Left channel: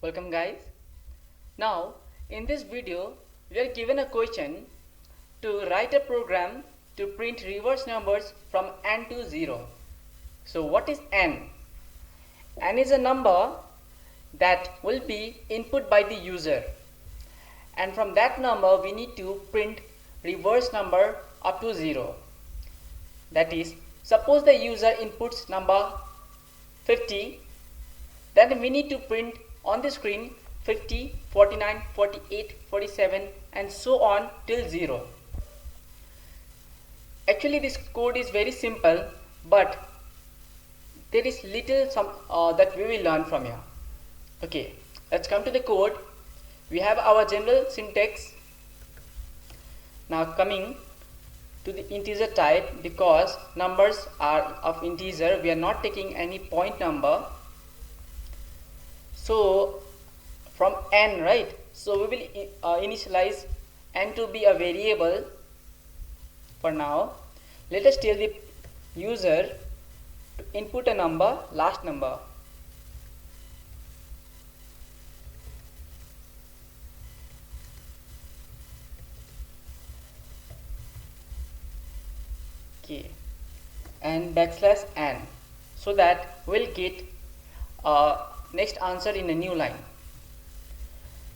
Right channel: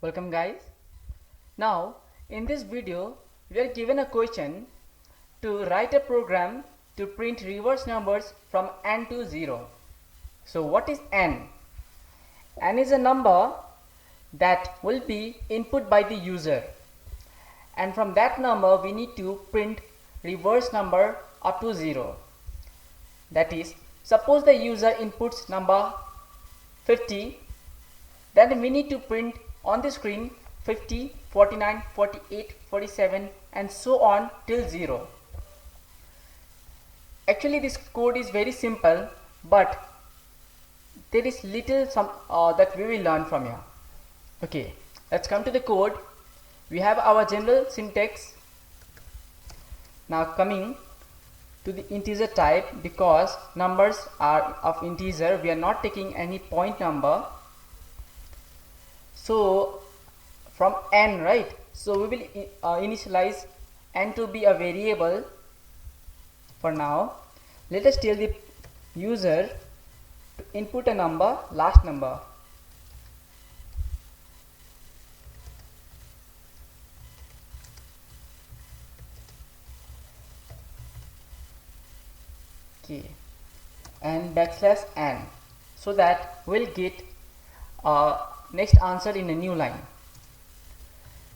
Welcome guys. Now in this video we are given a question to write a program to print reverse numbers from n to 0. So what is n? N is a number that will be input by the user, and from that number we need to print reverse number up to 0. That is, suppose the user inputs number 50, then we need to print on the screen 50, 49, 48, 47 and so on till 0. Actually this code is very simple, but there is little that we will learn from here. Okay, let's come to the code. We have our general syntax. Now coming to the integer type, because numbers are of integer, we are not taking any point number. So from n, right? So we will initialize n to be a variable. For now, let us tell the user to input a number, last number. Okay, and backslash n, so that we'll get next answer in a new line.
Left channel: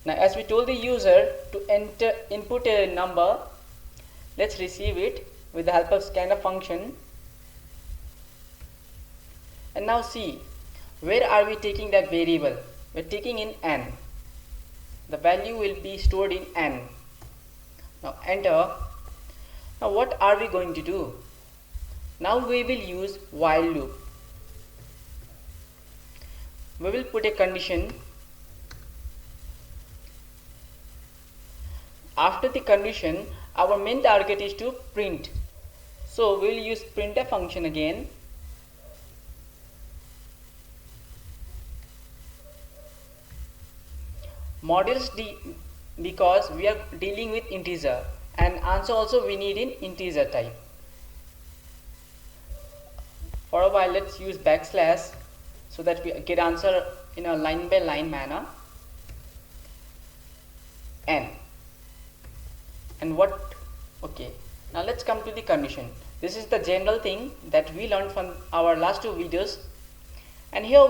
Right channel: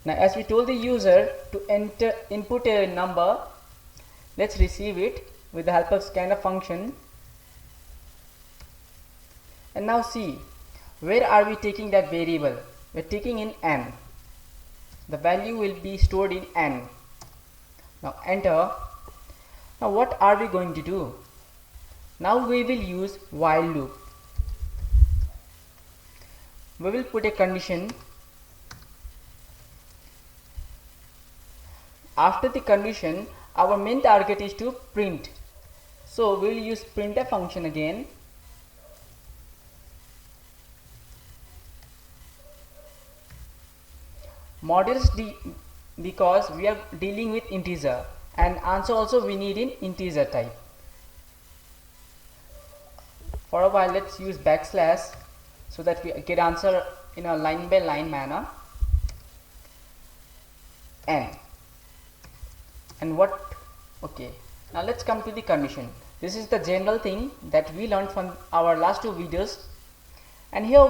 Now as we told the user to input a number, let's receive it with the help of scanf function. And now see, where are we taking that variable? We're taking in n. The value will be stored in n. Now enter. Now what are we going to do? Now we will use while loop. We will put a condition. After the condition, our main target is to print. So we will use printf function again. Modulus d, because we are dealing with integer, and answer also we need in integer type. For a while let's use backslash so that we get answer in a line by line manner. N. And what? Okay, now let's come to the condition. This is the general thing that we learned from our last two videos, and here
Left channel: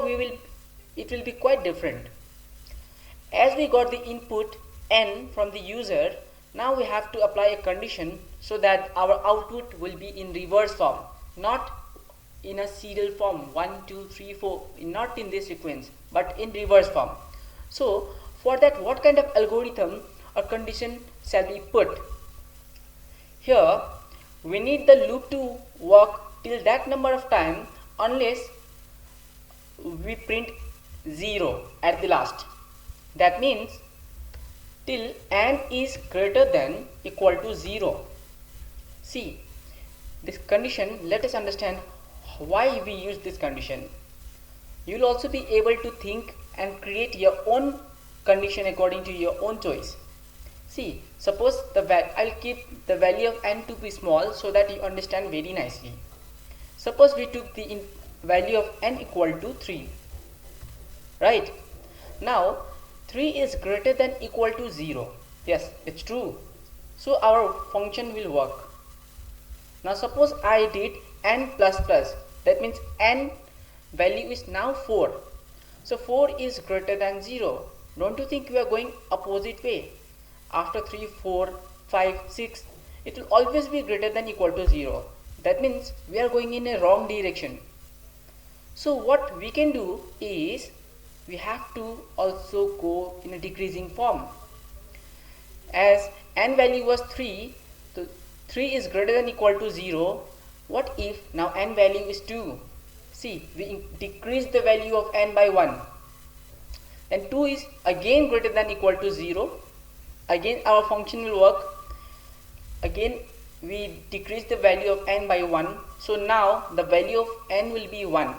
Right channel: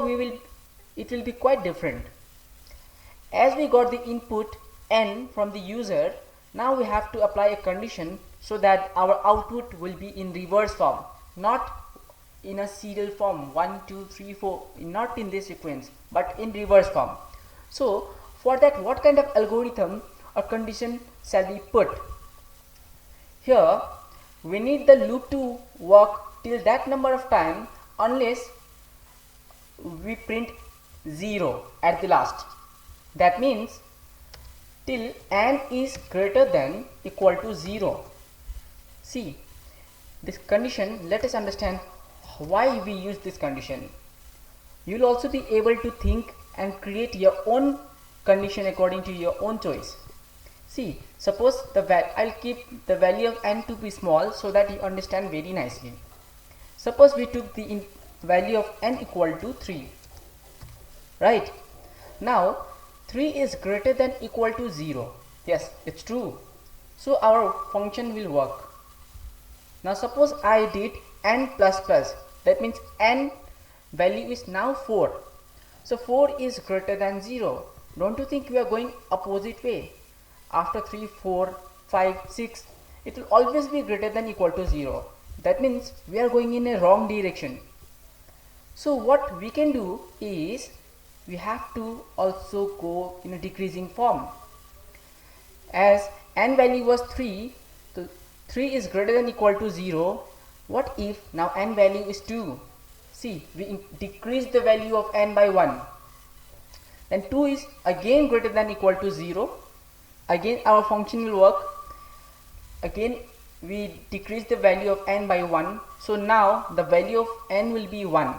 it will be quite different. As we got the input n from the user, now we have to apply a condition so that our output will be in reverse form, not in a serial form 1 2 3 4, not in this sequence but in reverse form. So for that, what kind of algorithm or condition shall be put? Here we need the loop to work till that number of time unless we print 0 at the last. That means till n is greater than equal to 0. See this condition, let us understand why we use this condition. You will also be able to think and create your own condition according to your own choice. See, suppose I'll keep the value of n to be small so that you understand very nicely. Suppose we took the value of n equal to 3, right? Now 3 is greater than equal to 0. Yes, it's true. So our function will work. Now suppose I did n plus plus, that means n value is now 4. So 4 is greater than 0. Don't you think we are going opposite way? After 3, 4, 5, 6, it will always be greater than equal to 0. That means we are going in a wrong direction. So what we can do is, we have to also go in a decreasing form. As n value was 3, so 3 is greater than equal to 0. What if now n value is 2? See, we decrease the value of n by 1. Then 2 is again greater than equal to 0. Again our function will work. Again we decrease the value of n by 1. So now the value of n will be 1.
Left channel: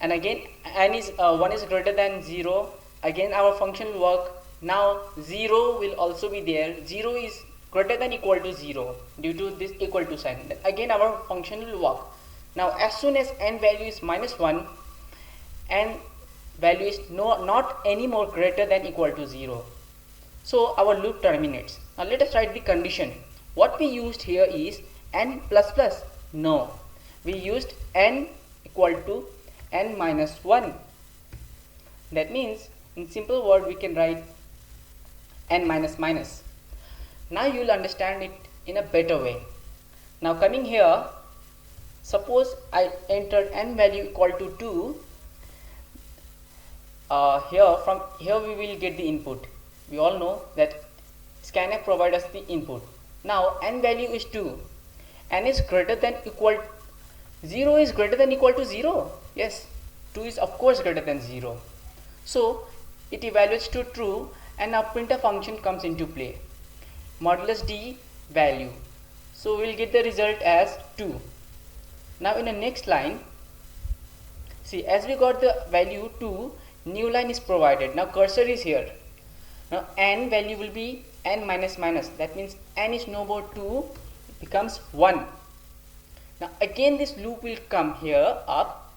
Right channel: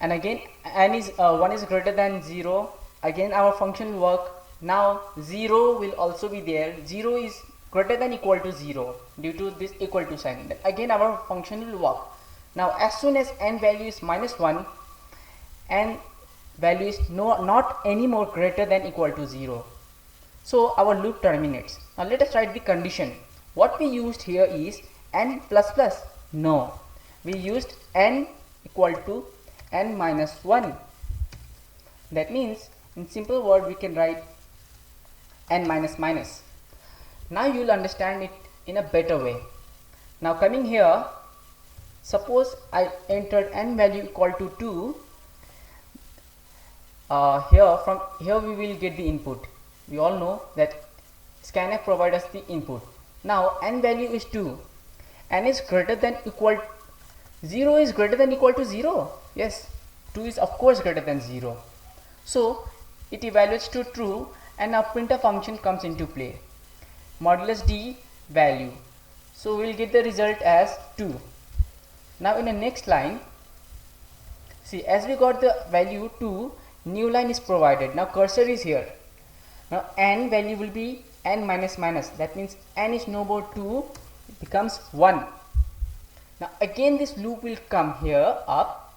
And again n is 1 is greater than 0. Again our function will work. Now 0 will also be there. 0 is greater than equal to 0 due to this equal to sign. Again our function will work. Now as soon as n value is minus 1 and value is not any more greater than equal to 0. So our loop terminates. Now let us write the condition. What we used here is n plus plus. No, we used n equal to n minus 1. That means in simple word we can write n minus minus. Now you will understand it in a better way. Now coming here, suppose I entered n value equal to 2. From here we will get the input. We all know that scanf provides us the input. Now n value is 2. N is greater than equal 0 is greater than equal to 0. Yes, 2 is of course greater than 0. So it evaluates to true and now printf function comes into play. Modulus d value. So we will get the result as 2. Now in the next line, see, as we got the value 2, new line is provided. Now cursor is here. Now n value will be n minus minus. That means n is no more 2, it becomes 1. Now again this loop will come here up.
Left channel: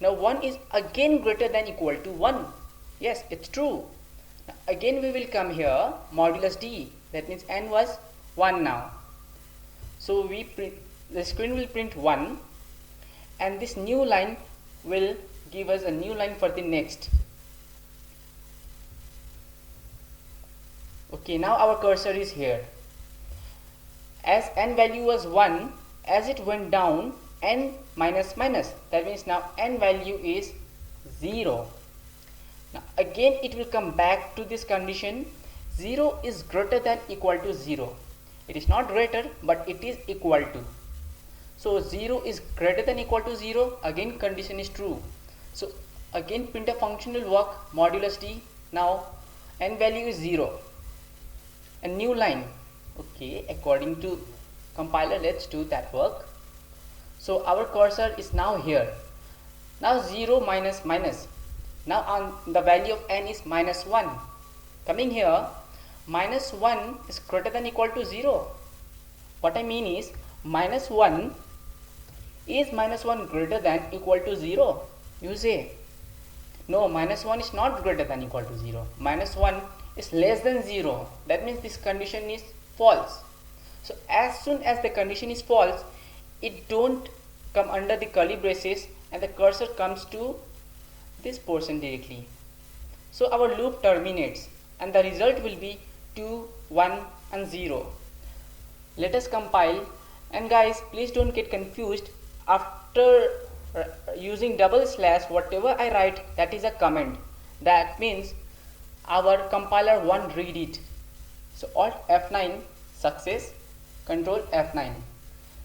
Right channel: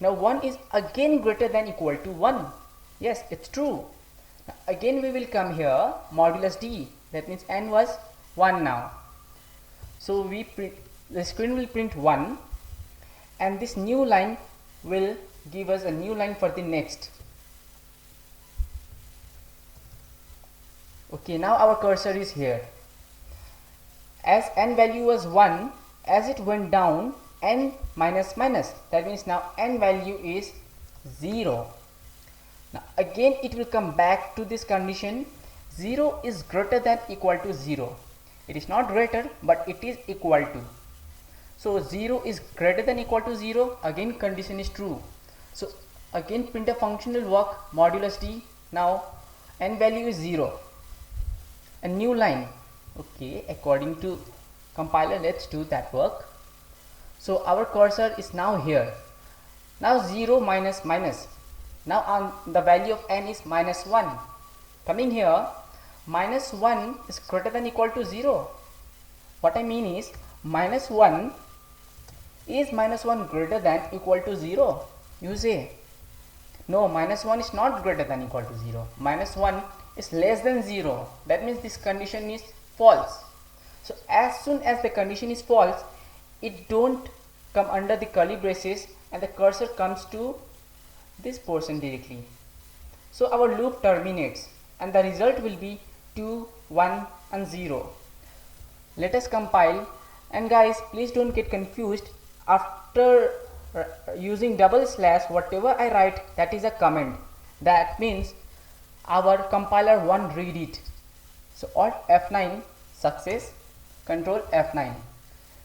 Now 1 is again greater than equal to 1. Yes, it's true. Now again we will come here, modulus d. That means n was 1 now. So we print, the screen will print 1, and this new line will give us a new line for the next. Okay, now our cursor is here. As n value was 1, as it went down, n minus minus. That means now n value is 0. Now again it will come back to this condition. 0 is greater than equal to 0. It is not greater, but it is equal to. So 0 is greater than equal to 0. Again condition is true. So again printf function will work, modulus d. Now n value is 0. A new line. Okay, according to compiler, let's do that work. So our cursor is now here. Now 0 minus minus. Now on the value of n is minus 1. Coming here, minus 1 is greater than equal to 0. What I mean is minus 1 is minus 1 greater than equal to 0. You say, no, minus 1 is not greater than equal to 0. Minus 1 is less than 0. That means this condition is false. So as soon as the condition is false, it don't come under the curly braces and the cursor comes to this portion directly. So our loop terminates and the result will be 2, 1 and 0. Let us compile, and guys, please don't get confused. After using double slash, whatever I write, that is a comment. That means our compiler won't read it. So Alt F9, success, Control F9.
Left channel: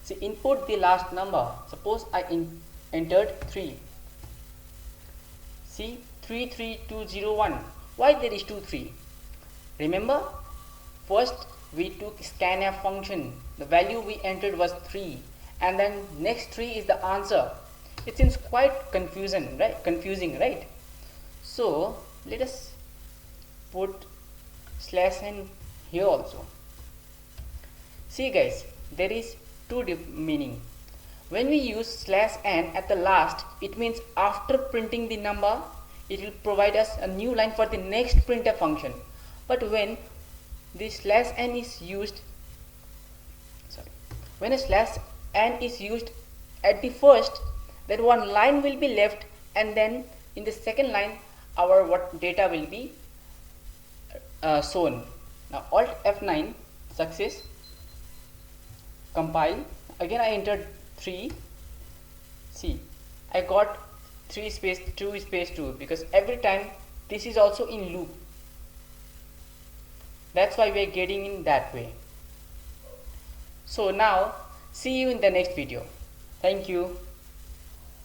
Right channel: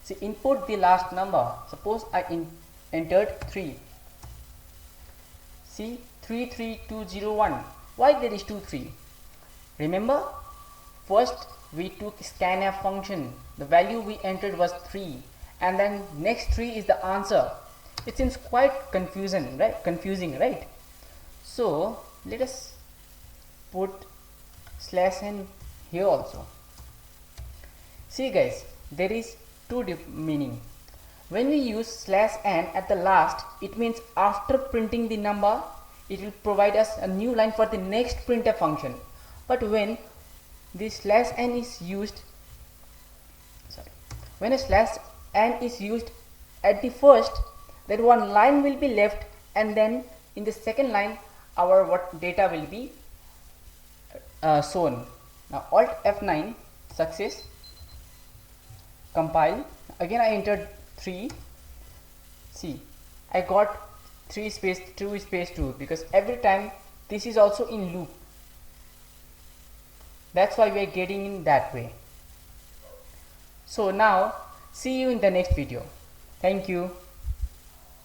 See, input the last number. Suppose I entered 3. See, 33201. Why there is 2 3? Remember, first we took scanf function. The value we entered was 3, and then next 3 is the answer. It seems quite confusing, right? So let us put slash n here also. See guys, there is two meaning. When we use slash n at the last, it means after printing the number, it will provide us a new line for the next printf function. But when the slash n is used, when a slash n is used at the first, then one line will be left, and then in the second line our what data will be shown. Now Alt F9, success, compile. Again I entered 3. See, I got 3 space 2 space 2 because every time this is also in loop. That's why we are getting in that way. So now see you in the next video. Thank you.